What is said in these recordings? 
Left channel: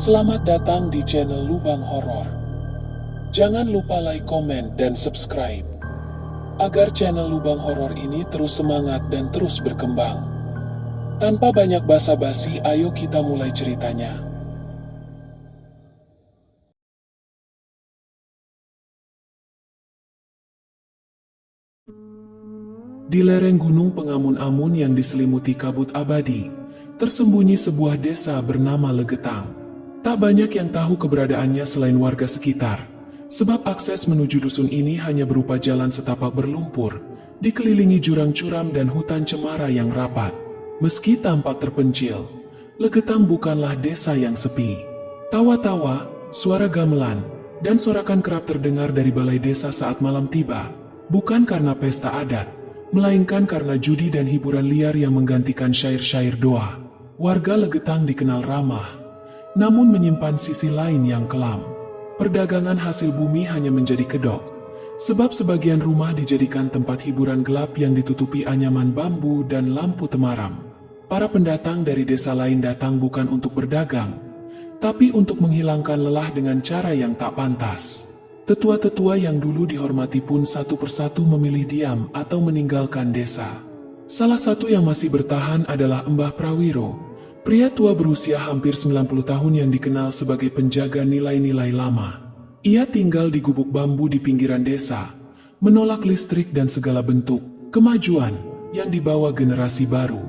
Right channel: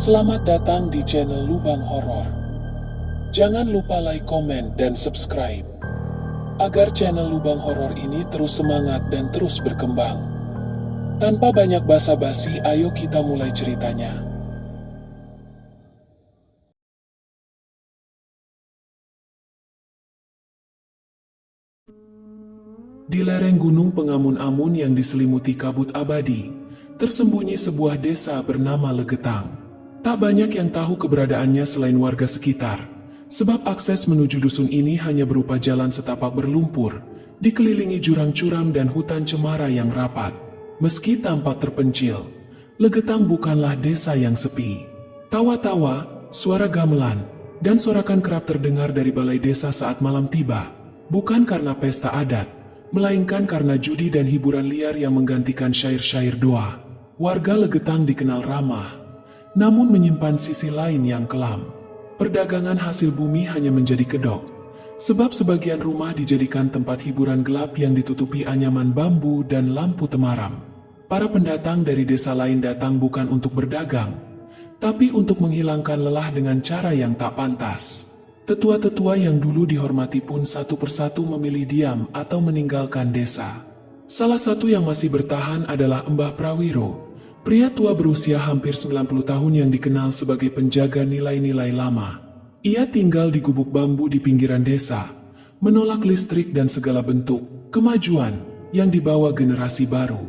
Selamat datang di channel Lubang Horor. Jangan lupa like, komen, dan subscribe agar channel Lubang Horor ini terus semangat dan terus berkembang. Tanpa banyak basa-basi, ayo kita mulai ceritanya. Di lereng gunung pengamun-amun yang diselimuti kabut abadi, tersembunyi sebuah desa bernama Legetang. Tak banyak yang tahu keberadaannya selain warga sekitar, sebab akses menuju dusun ini hanya berupa jalan setapak berlumpur, dikelilingi jurang curam dan hutan cemara yang rapat. Meski tampak terpencil, Legetang bukanlah desa yang sepi. Tawa-tawa, suara gamelan, dan sorakan kerap terdengar dari balai desa saat malam tiba, bukan karena pesta adat, melainkan karena judi dan hiburan liar yang menggantikan syair-syair doa. Warga Legetang dikenal ramah, namun menyimpan sisi lain yang kelam. Perdagangan hasil bumi hanya menjadi kedok, sebab sebagian rumah dijadikan tempat hiburan gelap yang ditutupi anyaman bambu dan lampu temaram. Para pendatang dari desa lain datang bukan untuk berdagang, tapi untuk menghilangkan lelah dengan cara yang tak pantas. Tetua-tetua yang dulu dihormati pun satu persatu memilih diam atau meninggalkan desa. Salah satu yang masih bertahan adalah Mbah Prawiro, pria tua berusia hampir 90 tahun yang dikenal sebagai penjaga nilai-nilai lama. Ia tinggal di gubuk bambu di pinggiran desa, menolak listrik dan segala bentuk kemajuan yang dibawa generasi baru.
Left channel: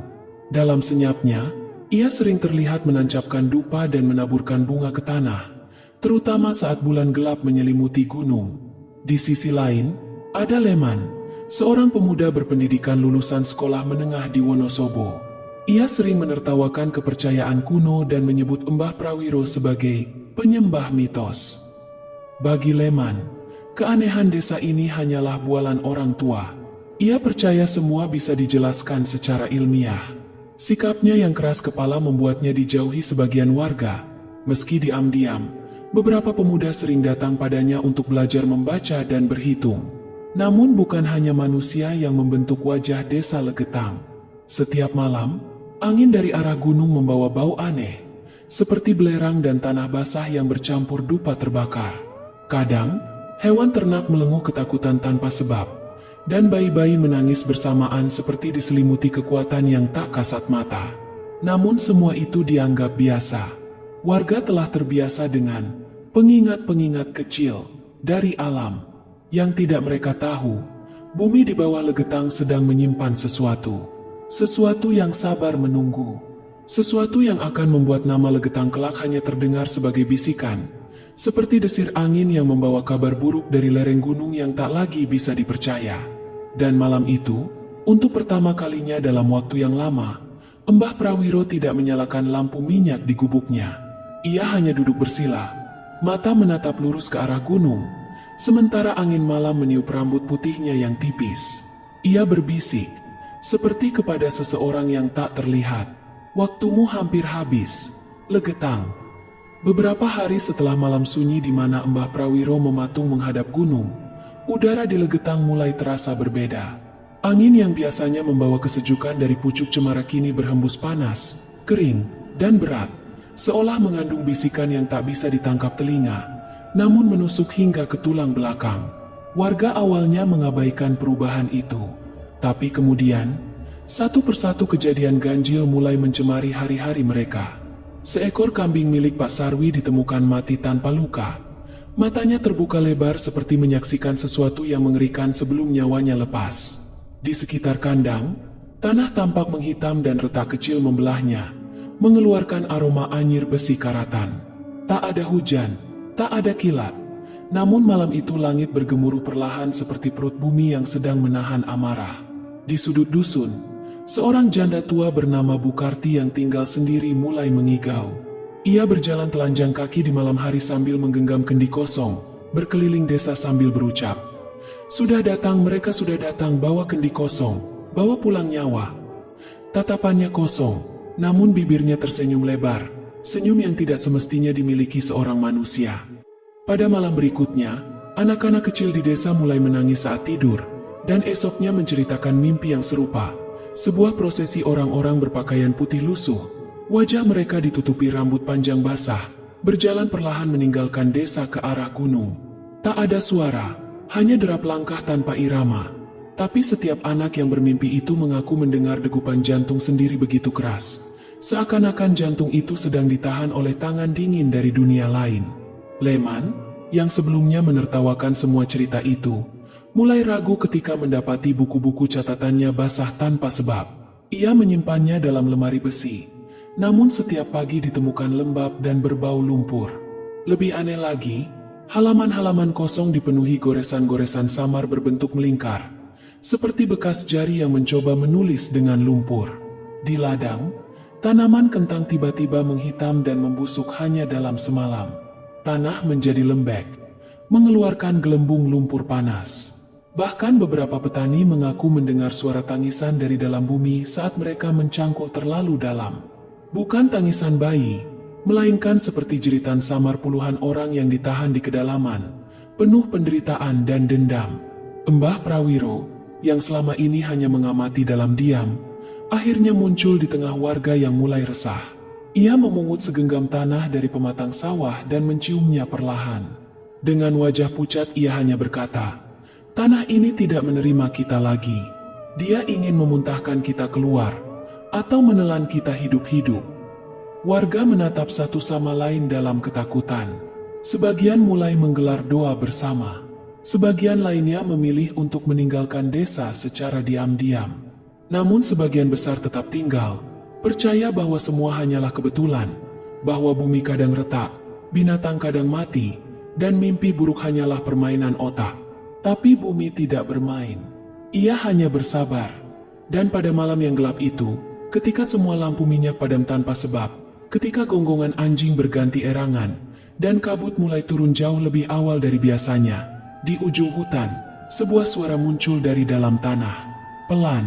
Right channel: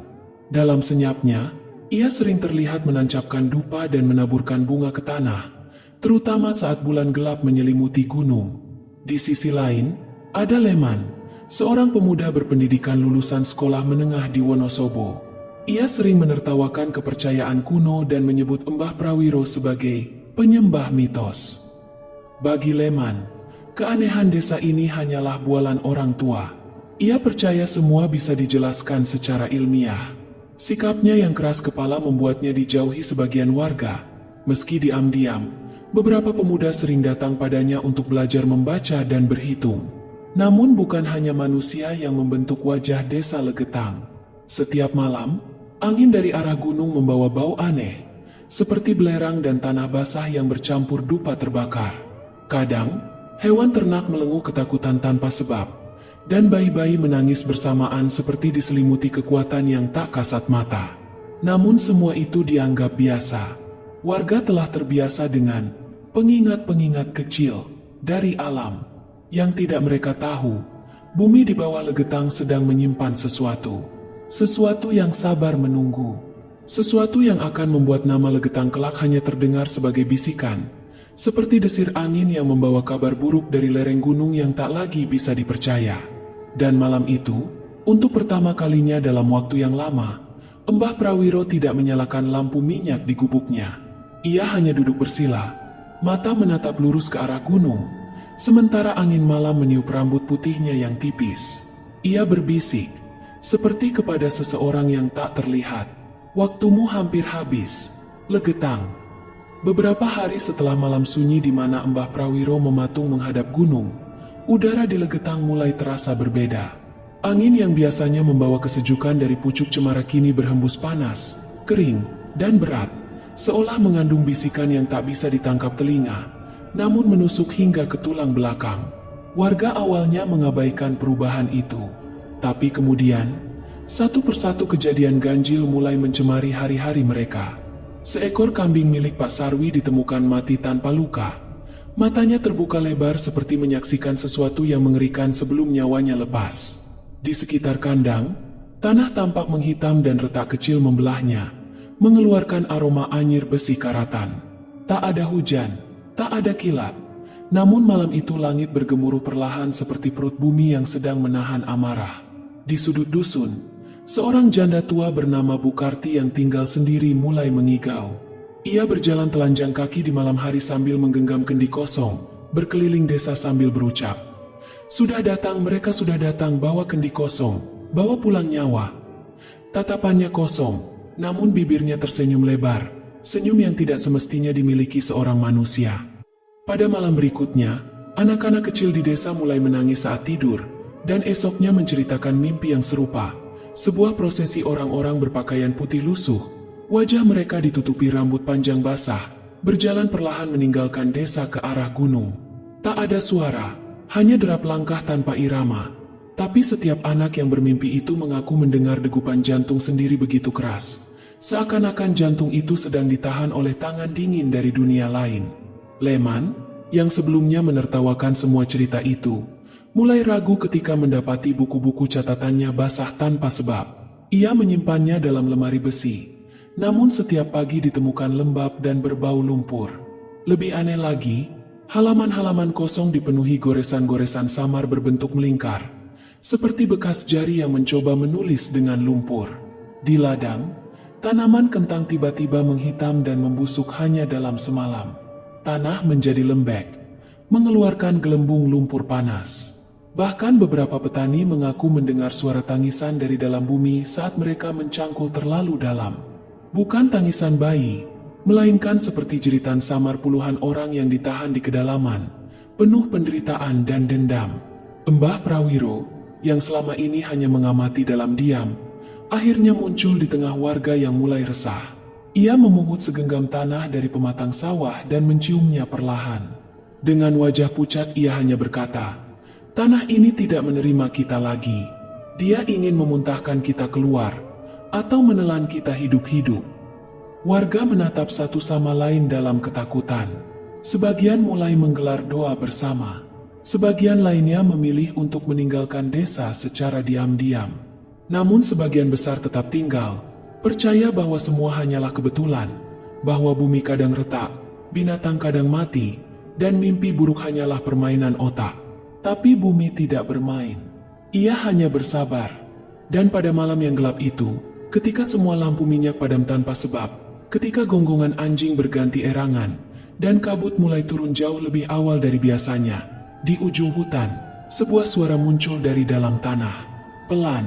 Dalam senyapnya, ia sering terlihat menancapkan dupa dan menaburkan bunga ke tanah, terutama saat bulan gelap menyelimuti gunung. Di sisi lain, ada Leman, seorang pemuda berpendidikan lulusan sekolah menengah di Wonosobo. Ia sering menertawakan kepercayaan kuno dan menyebut Mbah Prawiro sebagai penyembah mitos. Bagi Leman, keanehan desa ini hanyalah bualan orang tua. Ia percaya semua bisa dijelaskan secara ilmiah. Sikapnya yang keras kepala membuatnya dijauhi sebagian warga. Meski diam-diam, beberapa pemuda sering datang padanya untuk belajar membaca dan berhitung. Namun bukan hanya manusia yang membentuk wajah desa Legetang. Setiap malam, angin dari arah gunung membawa bau aneh, seperti belerang dan tanah basah yang bercampur dupa terbakar. Kadang, hewan ternak melenguh ketakutan tanpa sebab, dan bayi-bayi menangis bersamaan seperti diselimuti kekuatan yang tak kasat mata. Namun semua itu dianggap biasa. Warga telah terbiasa dengan pengingat-pengingat kecil dari alam. Yang tidak mereka tahu, bumi di bawah Legetang sedang menyimpan sesuatu. Sesuatu yang sabar menunggu. Sesuatu yang akan membuat nama Legetang kelak hanya terdengar sebagai bisikan. Seperti desir angin yang membawa kabar buruk dari lereng gunung yang tak lagi bisa dipercaya. Dan malam itu, untuk pertama kalinya dalam waktu yang lama, Mbah Prawiro tidak menyalakan lampu minyak di gubuknya. Ia hanya duduk bersila, mata menatap lurus ke arah gunung, sementara angin malam meniup rambut putihnya yang tipis. Ia berbisik, seperti kepada seseorang yang tak terlihat. Waktumu hampir habis, Legetang. Beberapa hari setelah malam sunyi di mana Mbah Prawiro mematung menghadap gunung, udara di Legetang mulai terasa berbeda. Angin yang biasanya membawa kesejukan dari pucuk cemara kini berhembus panas, kering, dan berat, seolah mengandung bisikan yang tak bisa ditangkap telinga, namun menusuk hingga ke tulang belakang. Warga awalnya mengabaikan perubahan itu, tapi kemudian, satu persatu kejadian ganjil mulai mencemari hari-hari mereka. Seekor kambing milik Pak Sarwi ditemukan mati tanpa luka. Matanya terbuka lebar seperti menyaksikan sesuatu yang mengerikan sebelum nyawanya lepas. Di sekitar kandang, tanah tampak menghitam dan retak kecil membelahnya, mengeluarkan aroma anyir besi karatan. Tak ada hujan, tak ada kilat. Namun malam itu langit bergemuruh perlahan seperti perut bumi yang sedang menahan amarah. Di sudut dusun, seorang janda tua bernama Bukarti yang tinggal sendiri mulai mengigau. Ia berjalan telanjang kaki di malam hari sambil menggenggam kendi kosong, berkeliling desa sambil berucap, mereka sudah datang, bawa kendi kosong, bawa pulang nyawa." Tatapannya kosong, namun bibirnya tersenyum lebar, senyum yang tidak semestinya dimiliki seorang manusia. Pada malam berikutnya, anak-anak kecil di desa mulai menangis saat tidur, dan esoknya menceritakan mimpi yang serupa. Sebuah prosesi orang-orang berpakaian putih lusuh, wajah mereka ditutupi rambut panjang basah, berjalan perlahan meninggalkan desa ke arah gunung. Tak ada suara, hanya derap langkah tanpa irama. Tapi setiap anak yang bermimpi itu mengaku mendengar degupan jantung sendiri begitu keras. Seakan-akan jantung itu sedang ditahan oleh tangan dingin dari dunia lain. Leman, yang sebelumnya menertawakan semua cerita itu, mulai ragu ketika mendapati buku-buku catatannya basah tanpa sebab. Ia menyimpannya dalam lemari besi. Namun setiap pagi ditemukan lembab dan berbau lumpur. Lebih aneh lagi, halaman-halaman kosong dipenuhi goresan-goresan samar berbentuk melingkar, seperti bekas jari yang mencoba menulis dengan lumpur. Di ladang, tanaman kentang tiba-tiba menghitam dan membusuk hanya dalam semalam. Tanah menjadi lembek, mengeluarkan gelembung lumpur panas. Bahkan beberapa petani mengaku mendengar suara tangisan dari dalam bumi saat mereka mencangkul terlalu dalam. Bukan tangisan bayi, melainkan seperti jeritan samar puluhan orang yang ditahan di kedalaman, penuh penderitaan dan dendam. Mbah Prawiro, yang selama ini hanya mengamati dalam diam, akhirnya muncul di tengah warga yang mulai resah. Ia memungut segenggam tanah dari pematang sawah dan menciumnya perlahan. Dengan wajah pucat ia hanya berkata, "Tanah ini tidak menerima kita lagi. Dia ingin memuntahkan kita keluar, atau menelan kita hidup-hidup." Warga menatap satu sama lain dalam ketakutan. Sebagian mulai menggelar doa bersama. Sebagian lainnya memilih untuk meninggalkan desa secara diam-diam. Namun sebagian besar tetap tinggal, percaya bahwa semua hanyalah kebetulan, bahwa bumi kadang retak, binatang kadang mati, dan mimpi buruk hanyalah permainan otak. Tapi bumi tidak bermain. Ia hanya bersabar. Dan pada malam yang gelap itu, ketika semua lampu minyak padam tanpa sebab, ketika gonggongan anjing berganti erangan, dan kabut mulai turun jauh lebih awal dari biasanya, di ujung hutan, sebuah suara muncul dari dalam tanah. Pelan,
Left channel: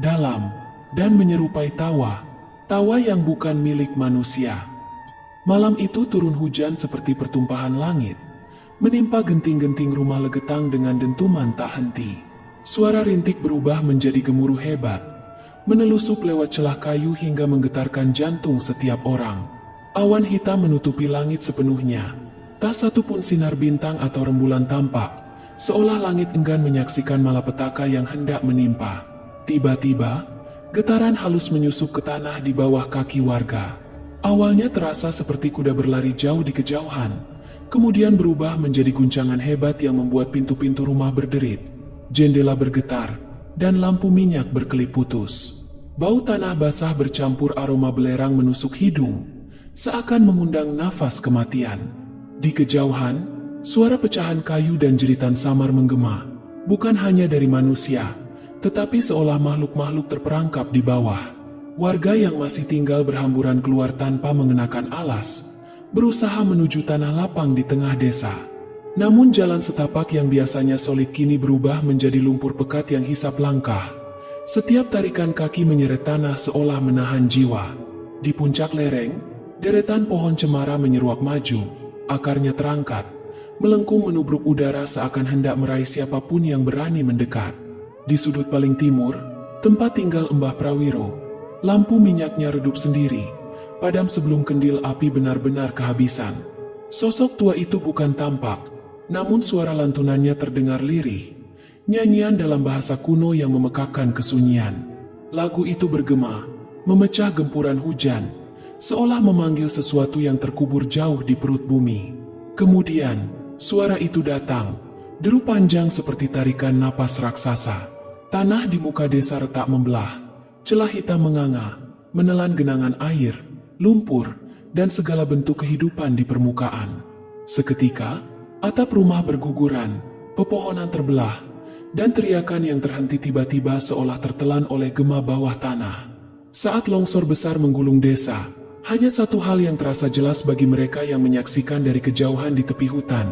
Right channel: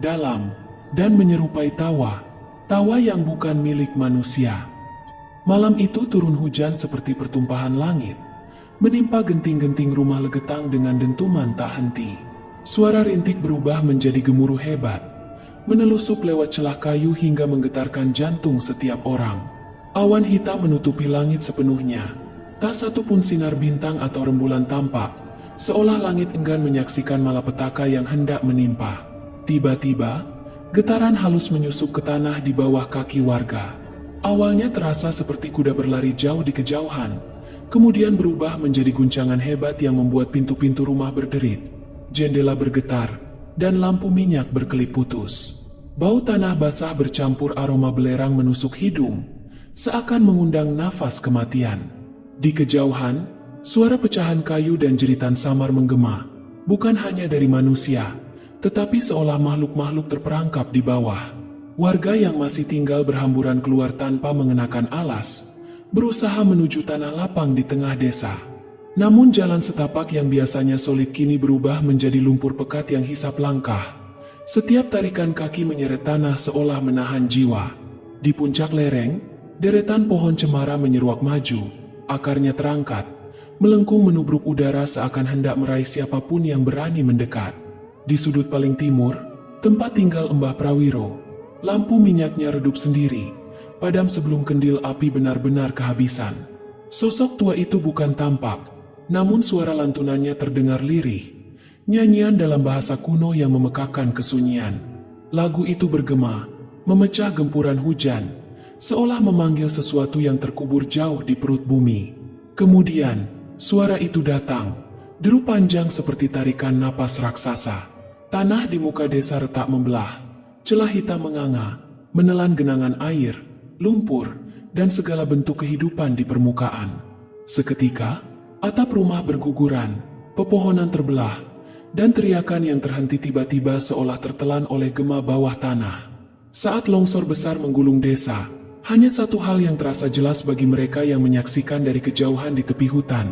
dalam, dan menyerupai tawa. Tawa yang bukan milik manusia. Malam itu turun hujan seperti pertumpahan langit, menimpa genting-genting rumah Legetang dengan dentuman tak henti. Suara rintik berubah menjadi gemuruh hebat, menelusup lewat celah kayu hingga menggetarkan jantung setiap orang. Awan hitam menutupi langit sepenuhnya. Tak satu pun sinar bintang atau rembulan tampak, seolah langit enggan menyaksikan malapetaka yang hendak menimpa. Tiba-tiba, getaran halus menyusup ke tanah di bawah kaki warga. Awalnya terasa seperti kuda berlari jauh di kejauhan, kemudian berubah menjadi guncangan hebat yang membuat pintu-pintu rumah berderit, jendela bergetar, dan lampu minyak berkelip putus. Bau tanah basah bercampur aroma belerang menusuk hidung, seakan mengundang nafas kematian. Di kejauhan, suara pecahan kayu dan jeritan samar menggema, bukan hanya dari manusia, tetapi seolah makhluk-makhluk terperangkap di bawah. Warga yang masih tinggal berhamburan keluar tanpa mengenakan alas, berusaha menuju tanah lapang di tengah desa. Namun jalan setapak yang biasanya solid kini berubah menjadi lumpur pekat yang hisap langkah. Setiap tarikan kaki menyeret tanah seolah menahan jiwa. Di puncak lereng, deretan pohon cemara menyeruak maju, akarnya terangkat, melengkung menubruk udara seakan hendak meraih siapapun yang berani mendekat. Di sudut paling timur, tempat tinggal Mbah Prawiro, lampu minyaknya redup sendiri, padam sebelum kendil api benar-benar kehabisan. Sosok tua itu bukan tampak, namun suara lantunannya terdengar lirih, nyanyian dalam bahasa kuno yang memekakkan kesunyian. Lagu itu bergema, memecah gempuran hujan, seolah memanggil sesuatu yang terkubur jauh di perut bumi. Kemudian, suara itu datang, deru panjang seperti tarikan napas raksasa. Tanah di muka desa retak membelah, celah hitam menganga, menelan genangan air, lumpur, dan segala bentuk kehidupan di permukaan. Seketika, atap rumah berguguran, pepohonan terbelah, dan teriakan yang terhenti tiba-tiba seolah tertelan oleh gema bawah tanah. Saat longsor besar menggulung desa, hanya satu hal yang terasa jelas bagi mereka yang menyaksikan dari kejauhan di tepi hutan.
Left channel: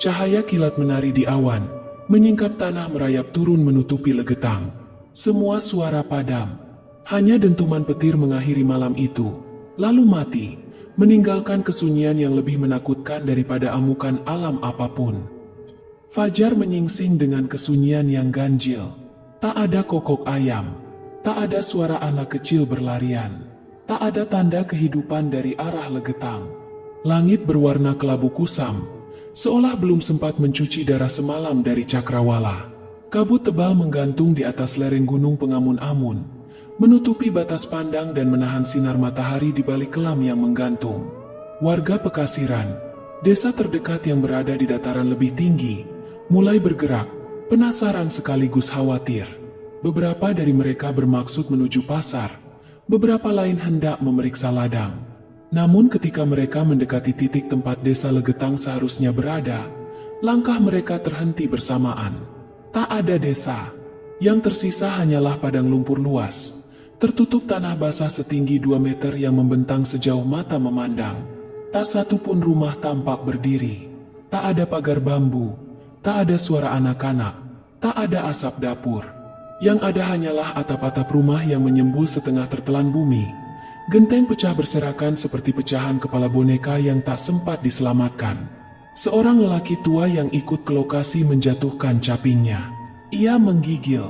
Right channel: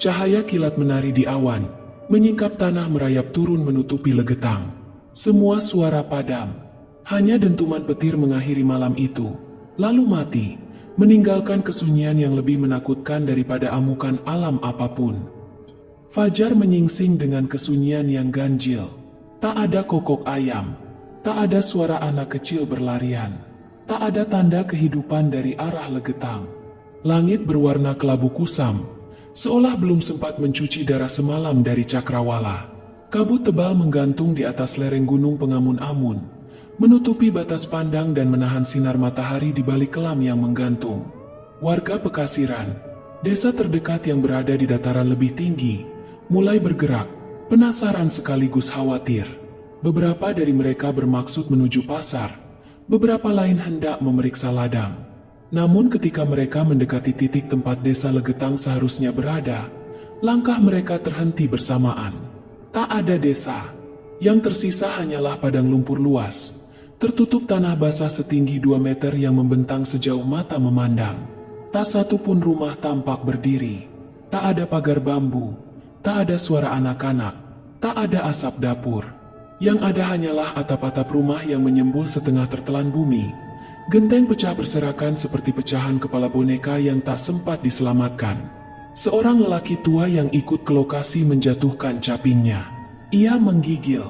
Cahaya kilat menari di awan, menyingkap tanah merayap turun menutupi Legetang. Semua suara padam, hanya dentuman petir mengakhiri malam itu, lalu mati, meninggalkan kesunyian yang lebih menakutkan daripada amukan alam apapun. Fajar menyingsing dengan kesunyian yang ganjil. Tak ada kokok ayam, tak ada suara anak kecil berlarian, tak ada tanda kehidupan dari arah Legetang. Langit berwarna kelabu kusam, seolah belum sempat mencuci darah semalam dari cakrawala. Kabut tebal menggantung di atas lereng gunung pengamun-amun, menutupi batas pandang dan menahan sinar matahari di balik kelam yang menggantung. Warga Pekasiran, desa terdekat yang berada di dataran lebih tinggi, mulai bergerak, penasaran sekaligus khawatir. Beberapa dari mereka bermaksud menuju pasar, beberapa lain hendak memeriksa ladang. Namun ketika mereka mendekati titik tempat desa Legetang seharusnya berada, langkah mereka terhenti bersamaan. Tak ada desa. Yang tersisa hanyalah padang lumpur luas, tertutup tanah basah setinggi 2 meter yang membentang sejauh mata memandang. Tak satu pun rumah tampak berdiri. Tak ada pagar bambu, tak ada suara anak-anak, tak ada asap dapur. Yang ada hanyalah atap-atap rumah yang menyembul setengah tertelan bumi. Genteng pecah berserakan seperti pecahan kepala boneka yang tak sempat diselamatkan. Seorang lelaki tua yang ikut ke lokasi menjatuhkan capingnya. Ia menggigil.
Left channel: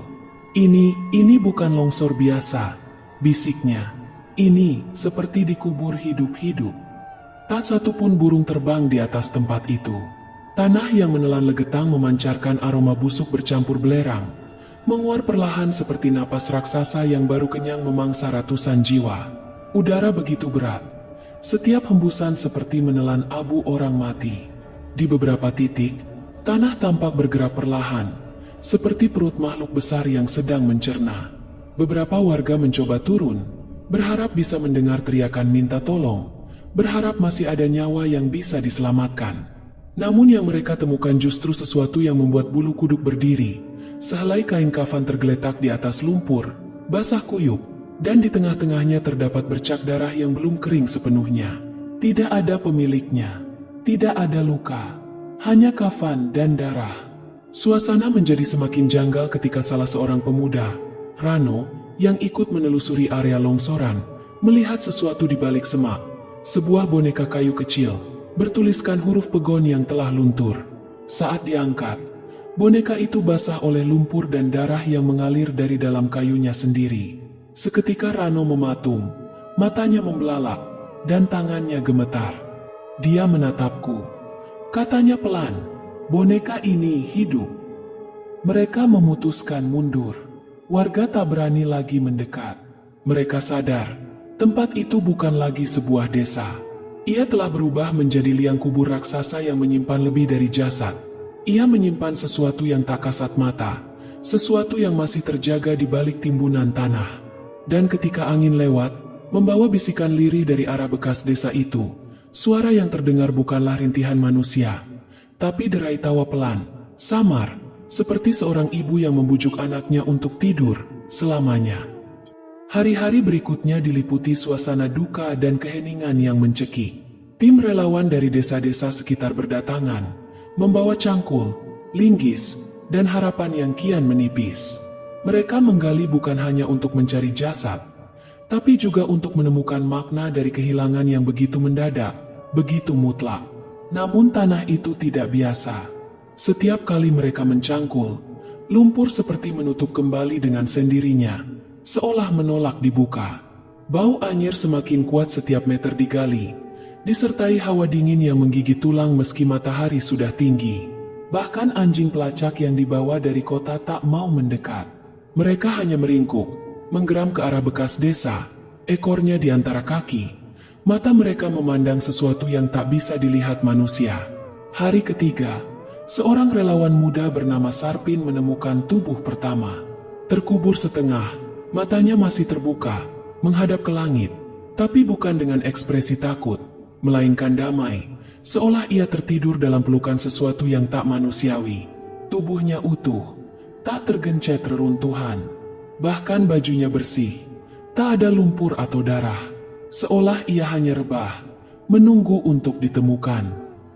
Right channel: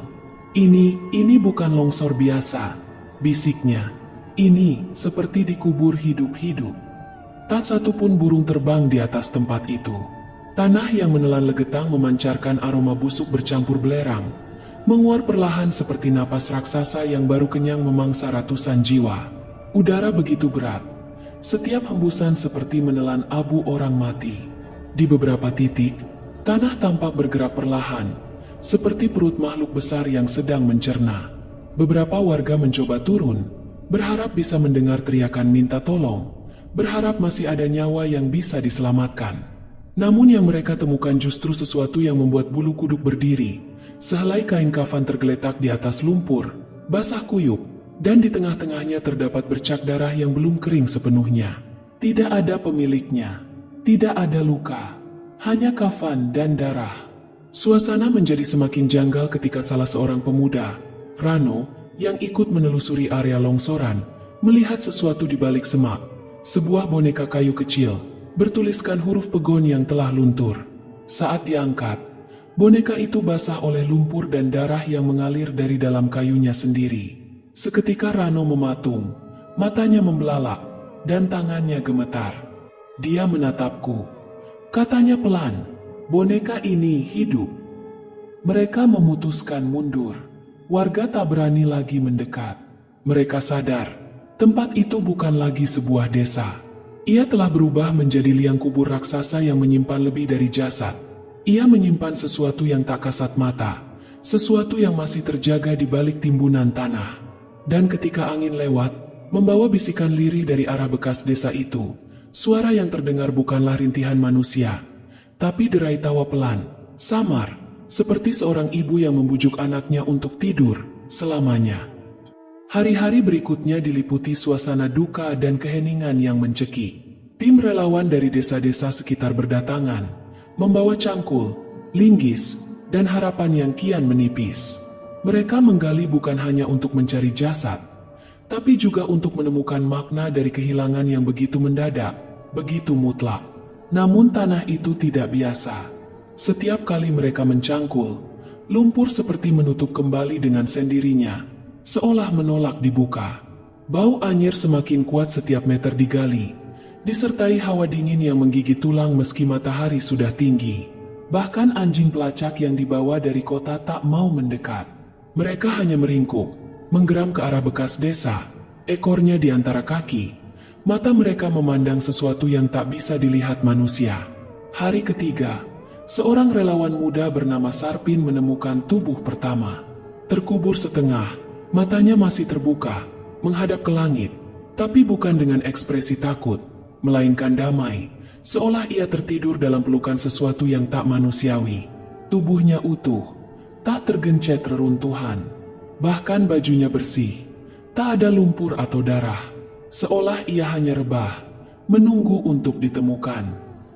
Ini bukan longsor biasa, bisiknya. Ini seperti dikubur hidup-hidup. Tak satu pun burung terbang di atas tempat itu. Tanah yang menelan Legetang memancarkan aroma busuk bercampur belerang, menguar perlahan seperti napas raksasa yang baru kenyang memangsa ratusan jiwa. Udara begitu berat, setiap hembusan seperti menelan abu orang mati. Di beberapa titik, tanah tampak bergerak perlahan, seperti perut makhluk besar yang sedang mencerna. Beberapa warga mencoba turun, berharap bisa mendengar teriakan minta tolong, berharap masih ada nyawa yang bisa diselamatkan. Namun yang mereka temukan justru sesuatu yang membuat bulu kuduk berdiri. Sehelai kain kafan tergeletak di atas lumpur, basah kuyup, dan di tengah-tengahnya terdapat bercak darah yang belum kering sepenuhnya. Tidak ada pemiliknya, tidak ada luka, hanya kafan dan darah. Suasana menjadi semakin janggal ketika salah seorang pemuda, Rano, yang ikut menelusuri area longsoran, melihat sesuatu di balik semak, sebuah boneka kayu kecil, bertuliskan huruf pegon yang telah luntur. Saat diangkat, boneka itu basah oleh lumpur dan darah yang mengalir dari dalam kayunya sendiri. Seketika Rano mematung, matanya membelalak, dan tangannya gemetar. Dia menatapku. Katanya pelan, boneka ini hidup. Mereka memutuskan mundur. Warga tak berani lagi mendekat. Mereka sadar, tempat itu bukan lagi sebuah desa. Ia telah berubah menjadi liang kubur raksasa yang menyimpan lebih dari jasad. Ia menyimpan sesuatu yang tak kasat mata, sesuatu yang masih terjaga di balik timbunan tanah. Dan ketika angin lewat, membawa bisikan lirih dari arah bekas desa itu, suara yang terdengar bukanlah rintihan manusia, tapi derai tawa pelan, samar, seperti seorang ibu yang membujuk anaknya untuk tidur selamanya. Hari-hari berikutnya diliputi suasana duka dan keheningan yang mencekik. Tim relawan dari desa-desa sekitar berdatangan, membawa cangkul, linggis, dan harapan yang kian menipis. Mereka menggali bukan hanya untuk mencari jasad, tapi juga untuk menemukan makna dari kehilangan yang begitu mendadak, begitu mutlak. Namun tanah itu tidak biasa. Setiap kali mereka mencangkul, lumpur seperti menutup kembali dengan sendirinya, seolah menolak dibuka. Bau anyir semakin kuat setiap meter digali, disertai hawa dingin yang menggigit tulang meski matahari sudah tinggi. Bahkan anjing pelacak yang dibawa dari kota tak mau mendekat. Mereka hanya meringkuk, menggeram ke arah bekas desa, ekornya di antara kaki. Mata mereka memandang sesuatu yang tak bisa dilihat manusia. Hari ketiga, seorang relawan muda bernama Sarpin menemukan tubuh pertama. Terkubur setengah, matanya masih terbuka, menghadap ke langit, tapi bukan dengan ekspresi takut, melainkan damai, seolah ia tertidur dalam pelukan sesuatu yang tak manusiawi. Tubuhnya utuh, tak tergencet reruntuhan, bahkan bajunya bersih, tak ada lumpur atau darah, seolah ia hanya rebah, menunggu untuk ditemukan.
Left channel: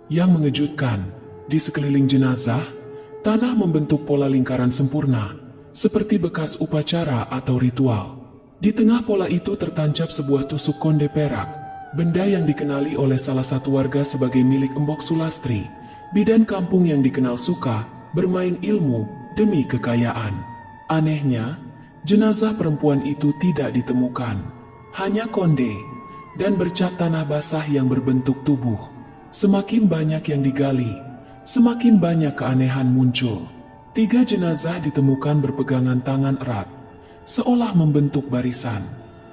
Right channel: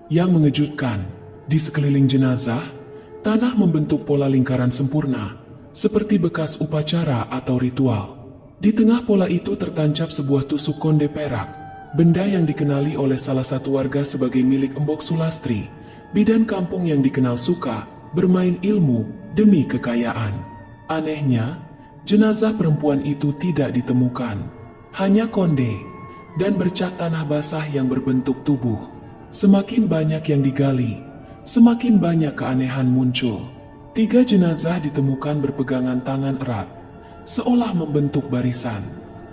Yang mengejutkan, di sekeliling jenazah, tanah membentuk pola lingkaran sempurna, seperti bekas upacara atau ritual. Di tengah pola itu tertancap sebuah tusuk konde perak, benda yang dikenali oleh salah satu warga sebagai milik Embok Sulastri, bidan kampung yang dikenal suka bermain ilmu demi kekayaan. Anehnya, jenazah perempuan itu tidak ditemukan. Hanya konde dan bercak tanah basah yang berbentuk tubuh. Semakin banyak yang digali, semakin banyak keanehan muncul. 3 jenazah ditemukan berpegangan tangan erat, seolah membentuk barisan.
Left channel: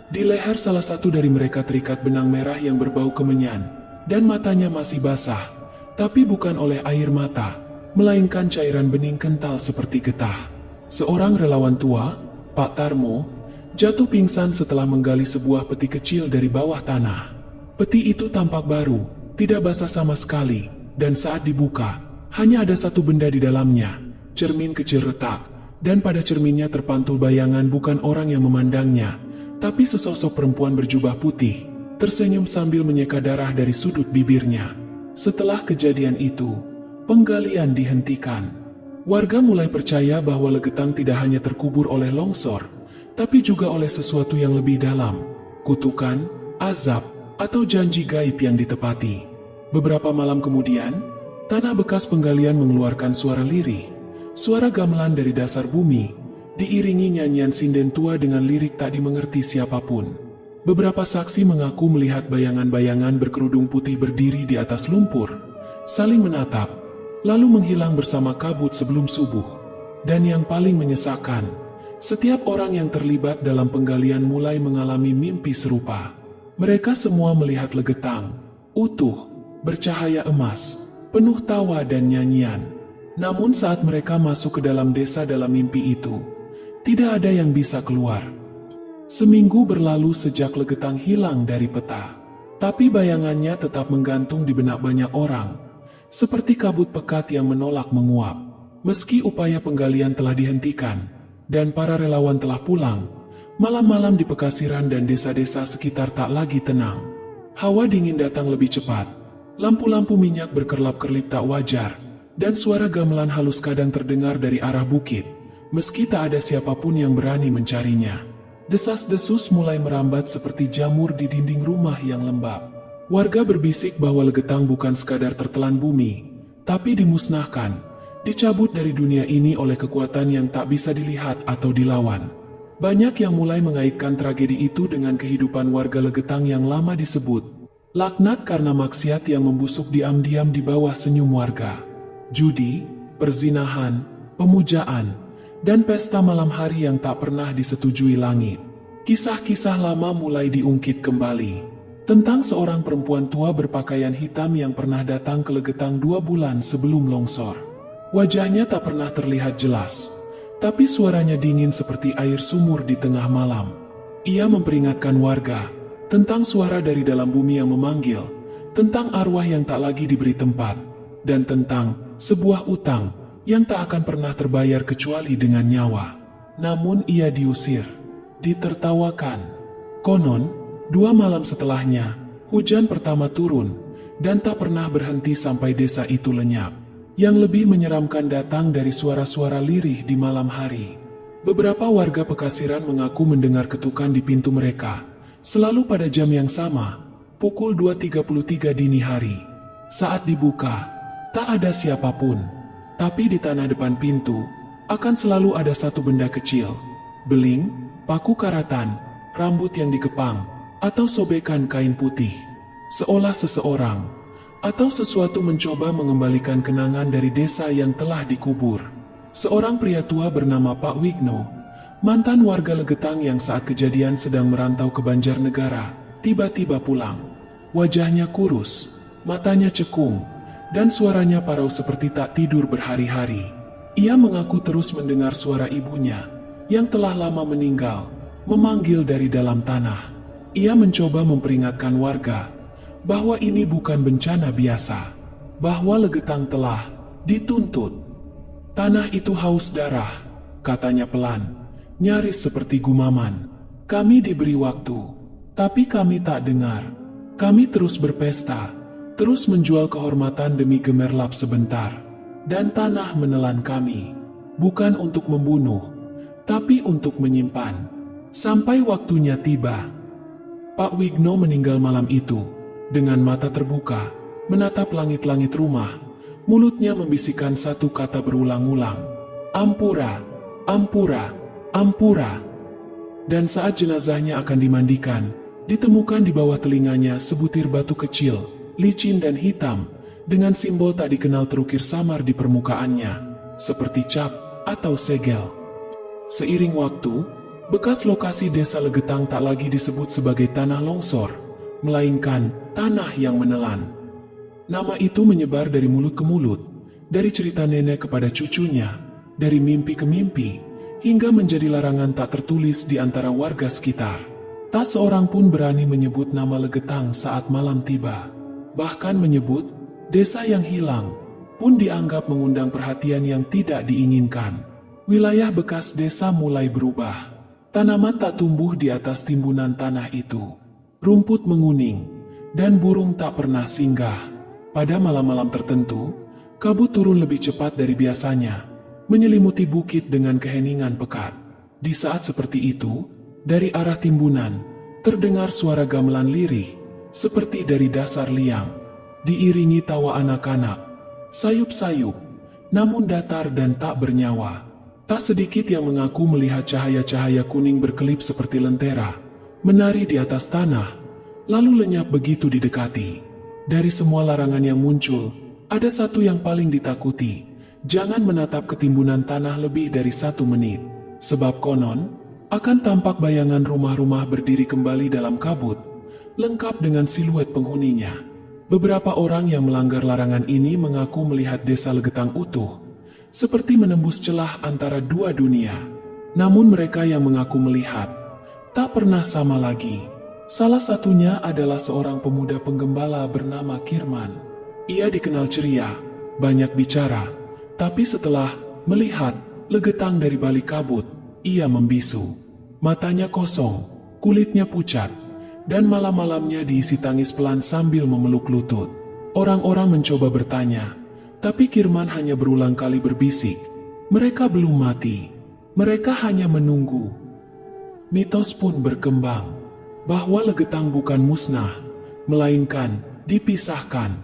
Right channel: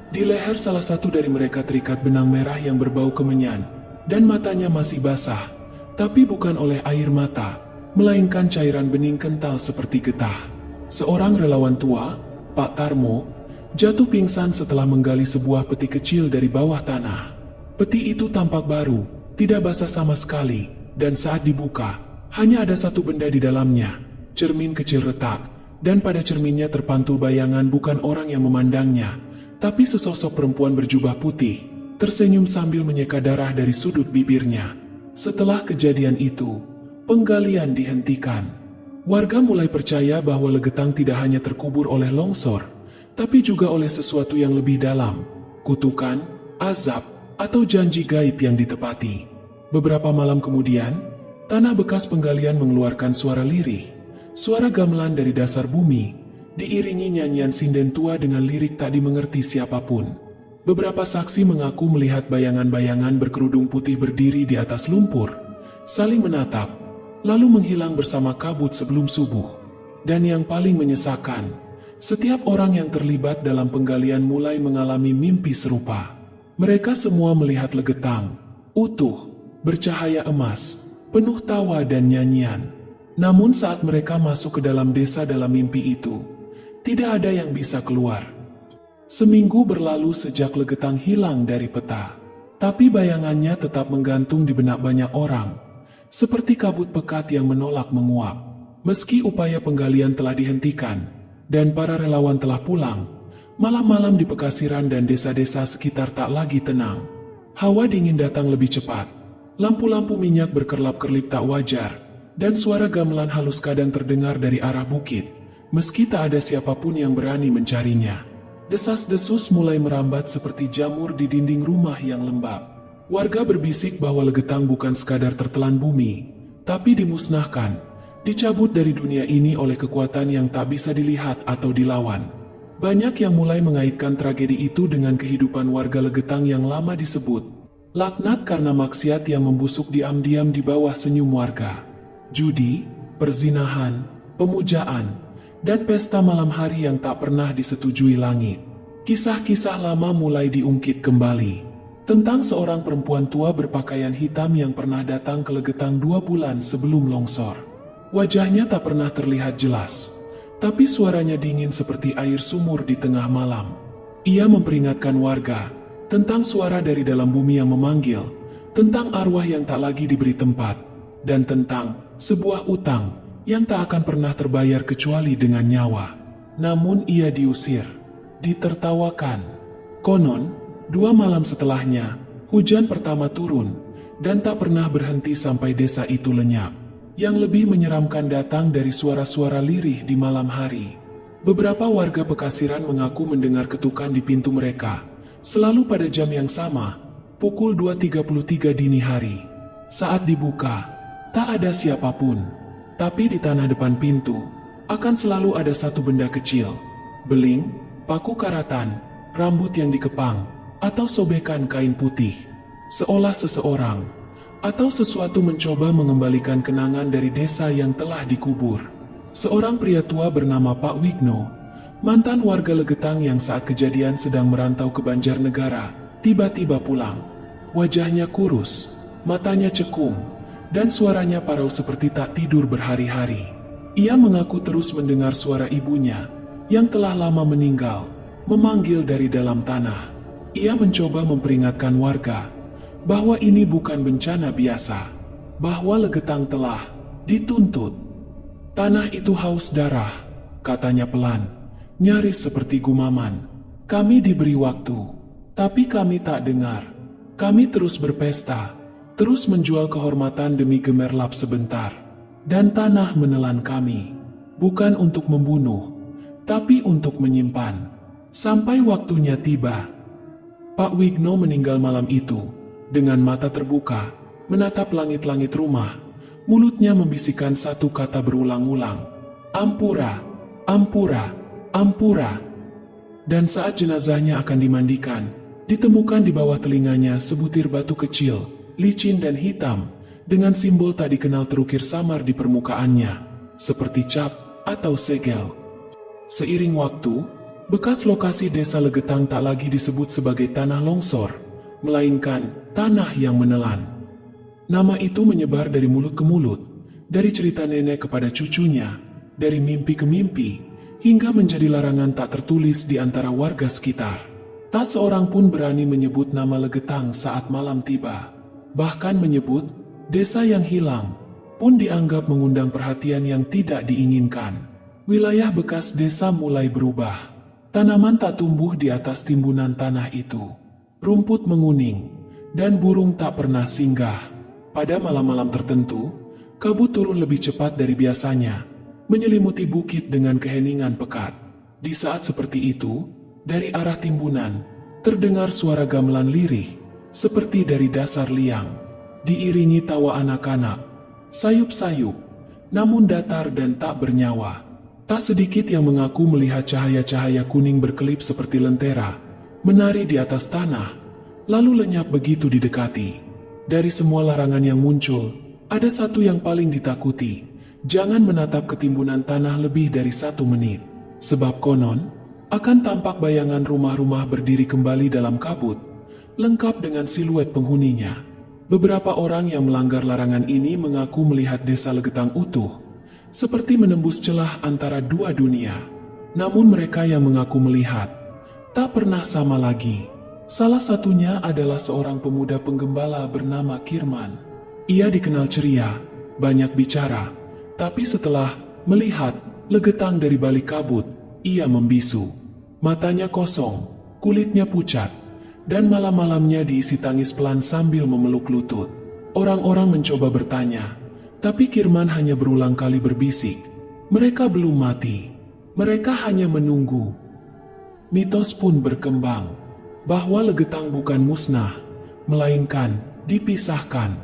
Di leher salah satu dari mereka terikat benang merah yang berbau kemenyan, dan matanya masih basah, tapi bukan oleh air mata, melainkan cairan bening kental seperti getah. Seorang relawan tua, Pak Tarmo, jatuh pingsan setelah menggali sebuah peti kecil dari bawah tanah. Peti itu tampak baru, tidak basah sama sekali, dan saat dibuka, hanya ada satu benda di dalamnya, cermin kecil retak, dan pada cerminnya terpantul bayangan bukan orang yang memandangnya, tapi sesosok perempuan berjubah putih, tersenyum sambil menyeka darah dari sudut bibirnya. Setelah kejadian itu, penggalian dihentikan. Warga mulai percaya bahwa Legetang tidak hanya terkubur oleh longsor, tapi juga oleh sesuatu yang lebih dalam, kutukan, azab, atau janji gaib yang ditepati. Beberapa malam kemudian, tanah bekas penggalian mengeluarkan suara lirih, suara gamelan dari dasar bumi, diiringi nyanyian sinden tua dengan lirik tak dimengerti siapapun. Beberapa saksi mengaku melihat bayangan-bayangan berkerudung putih berdiri di atas lumpur, saling menatap, lalu menghilang bersama kabut sebelum subuh. Dan yang paling menyesakan, setiap orang yang terlibat dalam penggalian mulai mengalami mimpi serupa. Mereka semua melihat Legetang, utuh, bercahaya emas, penuh tawa dan nyanyian. Namun saat mereka masuk ke dalam desa dalam mimpi itu, tidak ada yang bisa keluar. Seminggu berlalu sejak Legetang hilang dari peta, tapi bayangannya tetap menggantung di benak banyak orang, seperti kabut pekat yang menolak menguap. Meski upaya penggalian telah dihentikan, dan para relawan telah pulang, malam-malam di Pekasiran dan desa-desa sekitar tak lagi tenang. Hawa dingin datang lebih cepat, lampu-lampu minyak berkerlap-kerlip tak wajar, dan suara gamelan halus kadang terdengar dari arah bukit. Meski tak ada siapapun yang berani mencarinya, desas-desus mulai merambat seperti jamur di dinding rumah yang lembab. Warga berbisik bahwa Legetang bukan sekadar tertelan bumi, tapi dimusnahkan, dicabut dari dunia ini oleh kekuatan yang tak bisa dilihat atau dilawan. Banyak yang mulai mengaitkan tragedi itu dengan kehidupan warga Legetang yang lama disebut laknat karena maksiat yang membusuk diam-diam di bawah senyum warga. Judi, perzinahan, pemujaan, dan pesta malam hari yang tak pernah disetujui langit. Kisah-kisah lama mulai diungkit kembali, tentang seorang perempuan tua berpakaian hitam yang pernah datang ke Legetang 2 bulan sebelum longsor. Wajahnya tak pernah terlihat jelas, tapi suaranya dingin seperti air sumur di tengah malam. Ia memperingatkan warga tentang suara dari dalam bumi yang memanggil, tentang arwah yang tak lagi diberi tempat, dan tentang sebuah utang yang tak akan pernah terbayar kecuali dengan nyawa. Namun ia diusir, ditertawakan. Konon, 2 malam setelahnya, hujan pertama turun, dan tak pernah berhenti sampai desa itu lenyap. Yang lebih menyeramkan datang dari suara-suara lirih di malam hari. Beberapa warga Pekasiran mengaku mendengar ketukan di pintu mereka, selalu pada jam yang sama, pukul 2.33 dini hari. Saat dibuka, tak ada siapapun. Tapi di tanah depan pintu, akan selalu ada satu benda kecil. Beling, paku karatan, rambut yang dikepang, atau sobekan kain putih. Seolah seseorang, atau sesuatu mencoba mengembalikan kenangan dari desa yang telah dikubur. Seorang pria tua bernama Pak Wigno, mantan warga Legetang yang saat kejadian sedang merantau ke Banjarnegara, tiba-tiba pulang. Wajahnya kurus, matanya cekung, dan suaranya parau seperti tak tidur berhari-hari. Ia mengaku terus mendengar suara ibunya, yang telah lama meninggal, memanggil dari dalam tanah. Ia mencoba memperingatkan warga, bahwa ini bukan bencana biasa, bahwa Legetang telah dituntut. Tanah itu haus darah, katanya pelan, nyaris seperti gumaman. Kami diberi waktu, tapi kami tak dengar. Kami terus berpesta, terus menjual kehormatan demi gemerlap sebentar, dan tanah menelan kami, bukan untuk membunuh, tapi untuk menyimpan, sampai waktunya tiba. Pak Wigno meninggal malam itu, dengan mata terbuka, menatap langit-langit rumah, mulutnya membisikkan satu kata berulang-ulang, Ampura, Ampura, Ampura. Dan saat jenazahnya akan dimandikan, ditemukan di bawah telinganya sebutir batu kecil, licin dan hitam, dengan simbol tak dikenal terukir samar di permukaannya, seperti cap atau segel. Seiring waktu, bekas lokasi desa Legetang tak lagi disebut sebagai tanah longsor, melainkan tanah yang menelan. Nama itu menyebar dari mulut ke mulut, dari cerita nenek kepada cucunya, dari mimpi ke mimpi, hingga menjadi larangan tak tertulis di antara warga sekitar. Tak seorang pun berani menyebut nama Legetang saat malam tiba. Bahkan menyebut desa yang hilang pun dianggap mengundang perhatian yang tidak diinginkan. Wilayah bekas desa mulai berubah. Tanaman tak tumbuh di atas timbunan tanah itu. Rumput menguning, dan burung tak pernah singgah. Pada malam-malam tertentu, kabut turun lebih cepat dari biasanya, menyelimuti bukit dengan keheningan pekat. Di saat seperti itu, dari arah timbunan, terdengar suara gamelan lirih, seperti dari dasar liang, diiringi tawa anak-anak, sayup-sayup, namun datar dan tak bernyawa. Tak sedikit yang mengaku melihat cahaya-cahaya kuning berkelip seperti lentera, menari di atas tanah, lalu lenyap begitu didekati. Dari semua larangan yang muncul, ada satu yang paling ditakuti. Jangan menatap ketimbunan tanah lebih dari 1 menit. Sebab konon, akan tampak bayangan rumah-rumah berdiri kembali dalam kabut, lengkap dengan siluet penghuninya. Beberapa orang yang melanggar larangan ini mengaku melihat desa Legetang utuh, seperti menembus celah antara dua dunia. Namun mereka yang mengaku melihat, tak pernah sama lagi. Salah satunya adalah seorang pemuda penggembala bernama Kirman. Ia dikenal ceria, banyak bicara, tapi setelah melihat Legetang dari balik kabut, ia membisu. Matanya kosong, kulitnya pucat, dan malam-malamnya diisi tangis pelan sambil memeluk lutut. Orang-orang mencoba bertanya, tapi Kirman hanya berulang kali berbisik, mereka belum mati, mereka hanya menunggu. Mitos pun berkembang, bahwa Legetang bukan musnah, melainkan dipisahkan.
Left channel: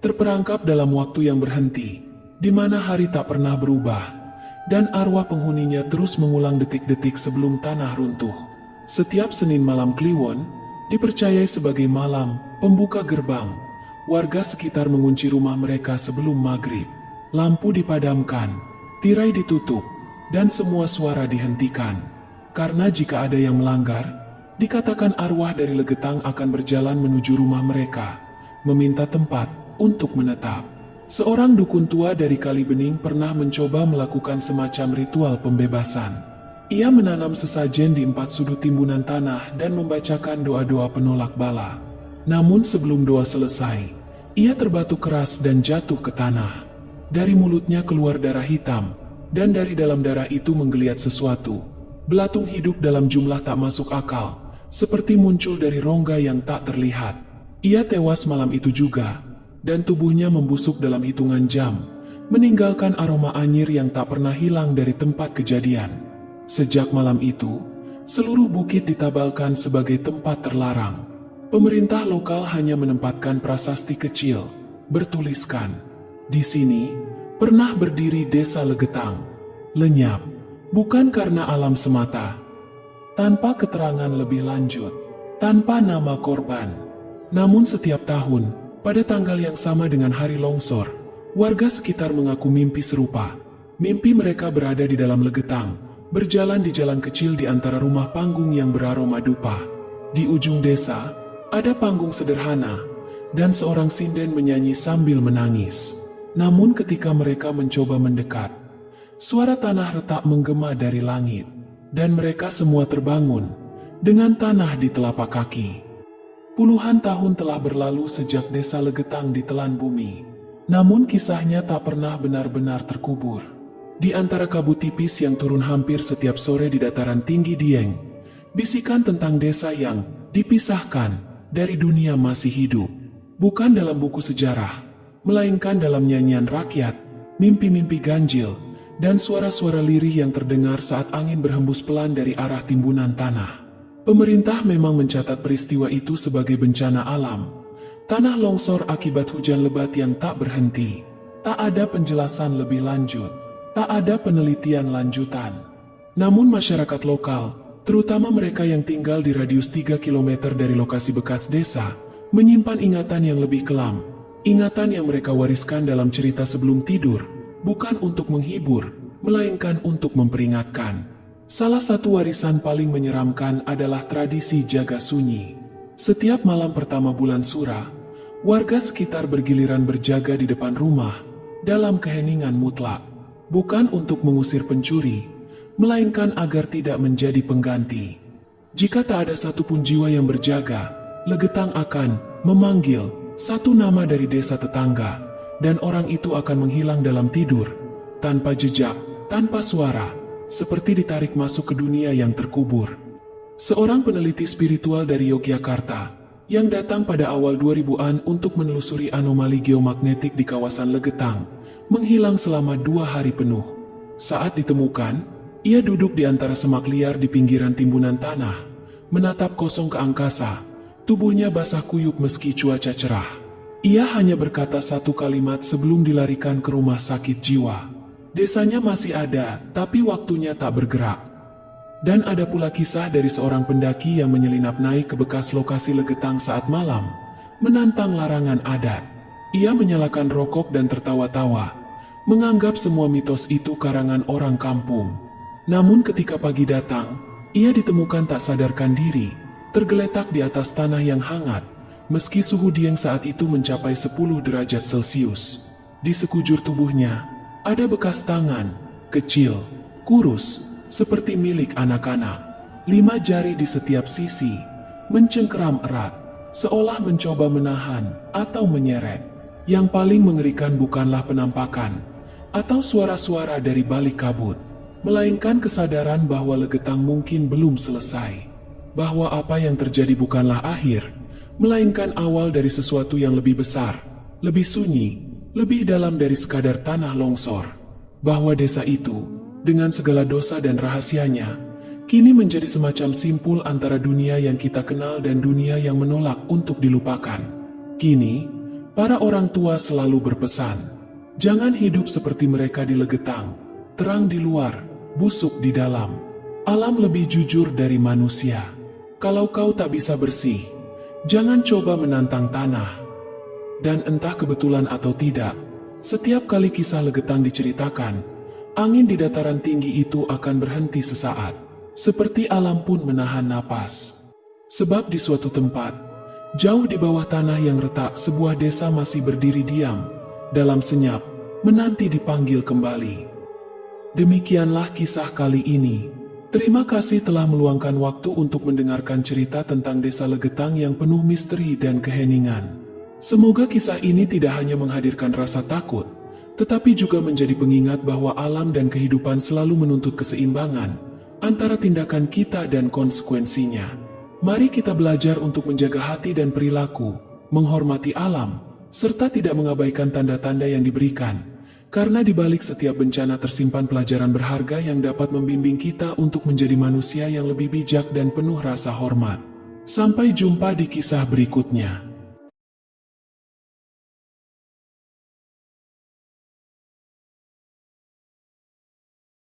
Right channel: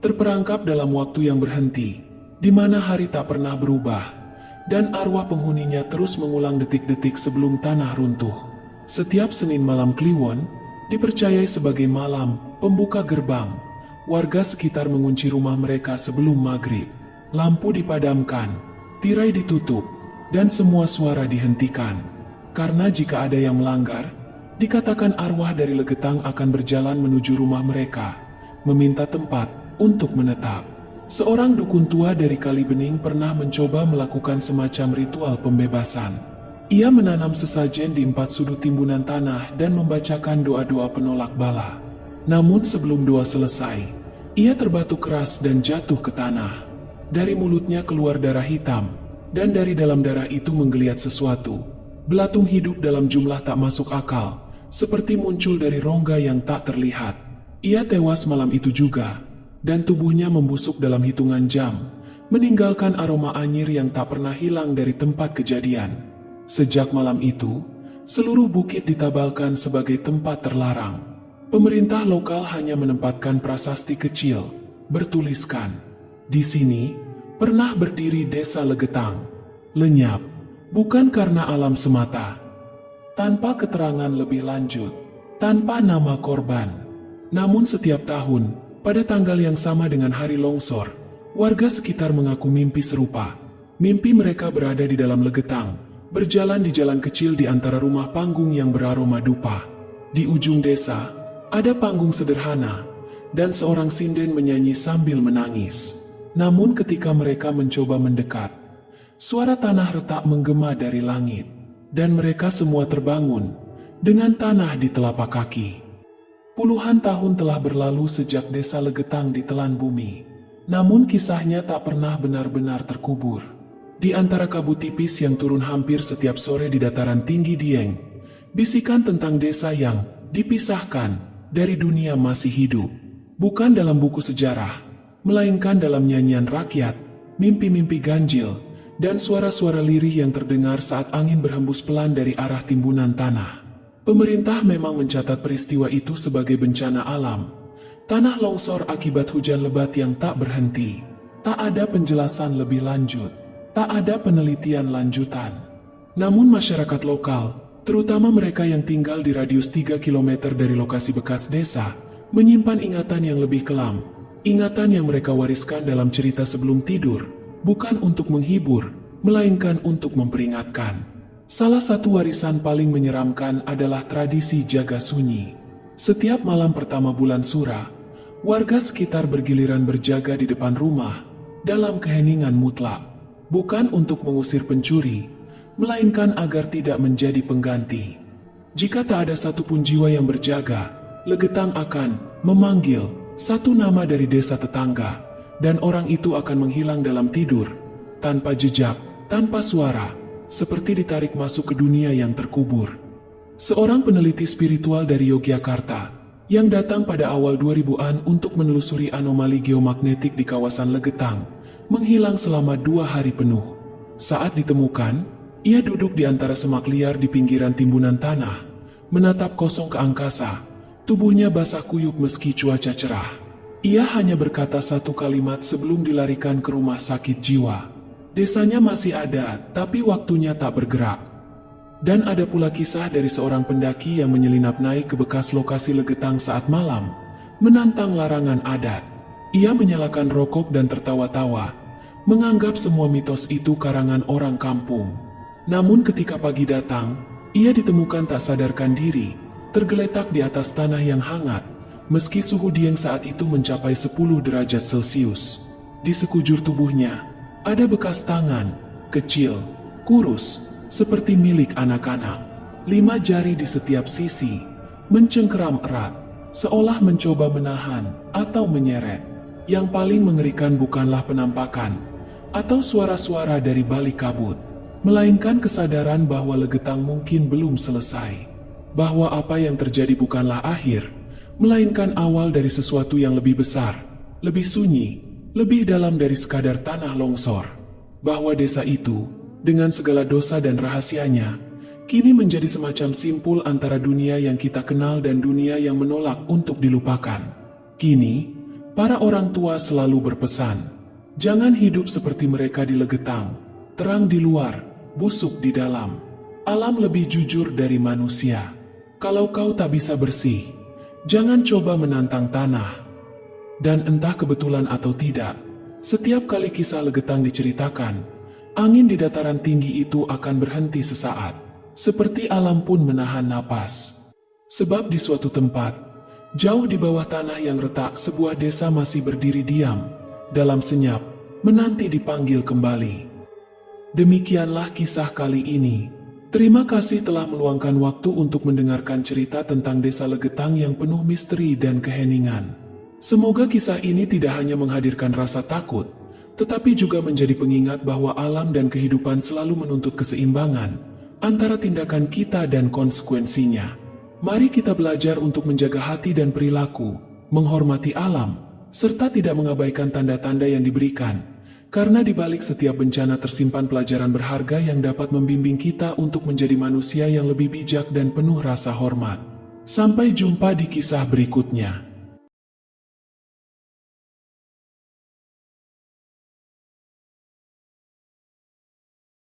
Terperangkap dalam waktu yang berhenti, di mana hari tak pernah berubah, dan arwah penghuninya terus mengulang detik-detik sebelum tanah runtuh. Setiap Senin malam Kliwon, dipercayai sebagai malam pembuka gerbang. Warga sekitar mengunci rumah mereka sebelum maghrib. Lampu dipadamkan, tirai ditutup, dan semua suara dihentikan. Karena jika ada yang melanggar, dikatakan arwah dari Legetang akan berjalan menuju rumah mereka, meminta tempat untuk menetap. Seorang dukun tua dari Kalibening pernah mencoba melakukan semacam ritual pembebasan. Ia menanam sesajen di 4 sudut timbunan tanah dan membacakan doa-doa penolak bala. Namun sebelum doa selesai, ia terbatuk keras dan jatuh ke tanah. Dari mulutnya keluar darah hitam, dan dari dalam darah itu menggeliat sesuatu. Belatung hidup dalam jumlah tak masuk akal, seperti muncul dari rongga yang tak terlihat. Ia tewas malam itu juga, dan tubuhnya membusuk dalam hitungan jam, meninggalkan aroma anyir yang tak pernah hilang dari tempat kejadian. Sejak malam itu, seluruh bukit ditabalkan sebagai tempat terlarang. Pemerintah lokal hanya menempatkan prasasti kecil, bertuliskan, di sini pernah berdiri desa Legetang. Lenyap, bukan karena alam semata, tanpa keterangan lebih lanjut, tanpa nama korban. Namun setiap tahun, pada tanggal yang sama dengan hari longsor, warga sekitar mengaku mimpi serupa. Mimpi mereka berada di dalam Legetang, berjalan di jalan kecil di antara rumah panggung yang beraroma dupa. Di ujung desa, ada panggung sederhana, dan seorang sinden menyanyi sambil menangis. Namun ketika mereka mencoba mendekat, suara tanah retak menggema dari langit, dan mereka semua terbangun dengan tanah di telapak kaki. Puluhan tahun telah berlalu sejak desa Legetang ditelan bumi, namun kisahnya tak pernah benar-benar terkubur. Di antara kabut tipis yang turun hampir setiap sore di dataran tinggi Dieng, bisikan tentang desa yang dipisahkan dari dunia masih hidup, bukan dalam buku sejarah, melainkan dalam nyanyian rakyat, mimpi-mimpi ganjil, dan suara-suara lirih yang terdengar saat angin berhembus pelan dari arah timbunan tanah. Pemerintah memang mencatat peristiwa itu sebagai bencana alam, tanah longsor akibat hujan lebat yang tak berhenti. Tak ada penjelasan lebih lanjut, tak ada penelitian lanjutan. Namun masyarakat lokal, terutama mereka yang tinggal di radius 3 km dari lokasi bekas desa, menyimpan ingatan yang lebih kelam, ingatan yang mereka wariskan dalam cerita sebelum tidur, bukan untuk menghibur, melainkan untuk memperingatkan. Salah satu warisan paling menyeramkan adalah tradisi jaga sunyi. Setiap malam pertama bulan Sura, warga sekitar bergiliran berjaga di depan rumah dalam keheningan mutlak, bukan untuk mengusir pencuri, melainkan agar tidak menjadi pengganti. Jika tak ada satupun jiwa yang berjaga, Legetang akan memanggil satu nama dari desa tetangga, dan orang itu akan menghilang dalam tidur, tanpa jejak, tanpa suara, seperti ditarik masuk ke dunia yang terkubur. Seorang peneliti spiritual dari Yogyakarta, yang datang pada awal 2000-an untuk menelusuri anomali geomagnetik di kawasan Legetang, menghilang selama 2 hari penuh. Saat ditemukan, ia duduk di antara semak liar di pinggiran timbunan tanah, menatap kosong ke angkasa, tubuhnya basah kuyup meski cuaca cerah. Ia hanya berkata satu kalimat sebelum dilarikan ke rumah sakit jiwa. Desanya masih ada, tapi waktunya tak bergerak. Dan ada pula kisah dari seorang pendaki yang menyelinap naik ke bekas lokasi Legetang saat malam, menantang larangan adat. Ia menyalakan rokok dan tertawa-tawa, menganggap semua mitos itu karangan orang kampung. Namun ketika pagi datang, ia ditemukan tak sadarkan diri, tergeletak di atas tanah yang hangat, meski suhu Dieng saat itu mencapai 10 derajat Celcius. Di sekujur tubuhnya, ada bekas tangan, kecil, kurus, seperti milik anak-anak. 5 jari di setiap sisi, mencengkeram erat, seolah mencoba menahan atau menyeret. Yang paling mengerikan bukanlah penampakan, atau suara-suara dari balik kabut, melainkan kesadaran bahwa Legetang mungkin belum selesai. Bahwa apa yang terjadi bukanlah akhir, melainkan awal dari sesuatu yang lebih besar, lebih sunyi, lebih dalam dari sekadar tanah longsor. Bahwa desa itu, dengan segala dosa dan rahasianya, kini menjadi semacam simpul antara dunia yang kita kenal dan dunia yang menolak untuk dilupakan. Kini, para orang tua selalu berpesan, jangan hidup seperti mereka di Legetang, terang di luar, busuk di dalam. Alam lebih jujur dari manusia. Kalau kau tak bisa bersih, jangan coba menantang tanah. Dan entah kebetulan atau tidak, setiap kali kisah Legetang diceritakan, angin di dataran tinggi itu akan berhenti sesaat, seperti alam pun menahan napas. Sebab di suatu tempat, jauh di bawah tanah yang retak, sebuah desa masih berdiri diam, dalam senyap, menanti dipanggil kembali. Demikianlah kisah kali ini. Terima kasih telah meluangkan waktu untuk mendengarkan cerita tentang desa Legetang yang penuh misteri dan keheningan. Semoga kisah ini tidak hanya menghadirkan rasa takut, tetapi juga menjadi pengingat bahwa alam dan kehidupan selalu menuntut keseimbangan antara tindakan kita dan konsekuensinya. Mari kita belajar untuk menjaga hati dan perilaku, menghormati alam, serta tidak mengabaikan tanda-tanda yang diberikan, karena di balik setiap bencana tersimpan pelajaran berharga yang dapat membimbing kita untuk menjadi manusia yang lebih bijak dan penuh rasa hormat. Sampai jumpa di kisah berikutnya.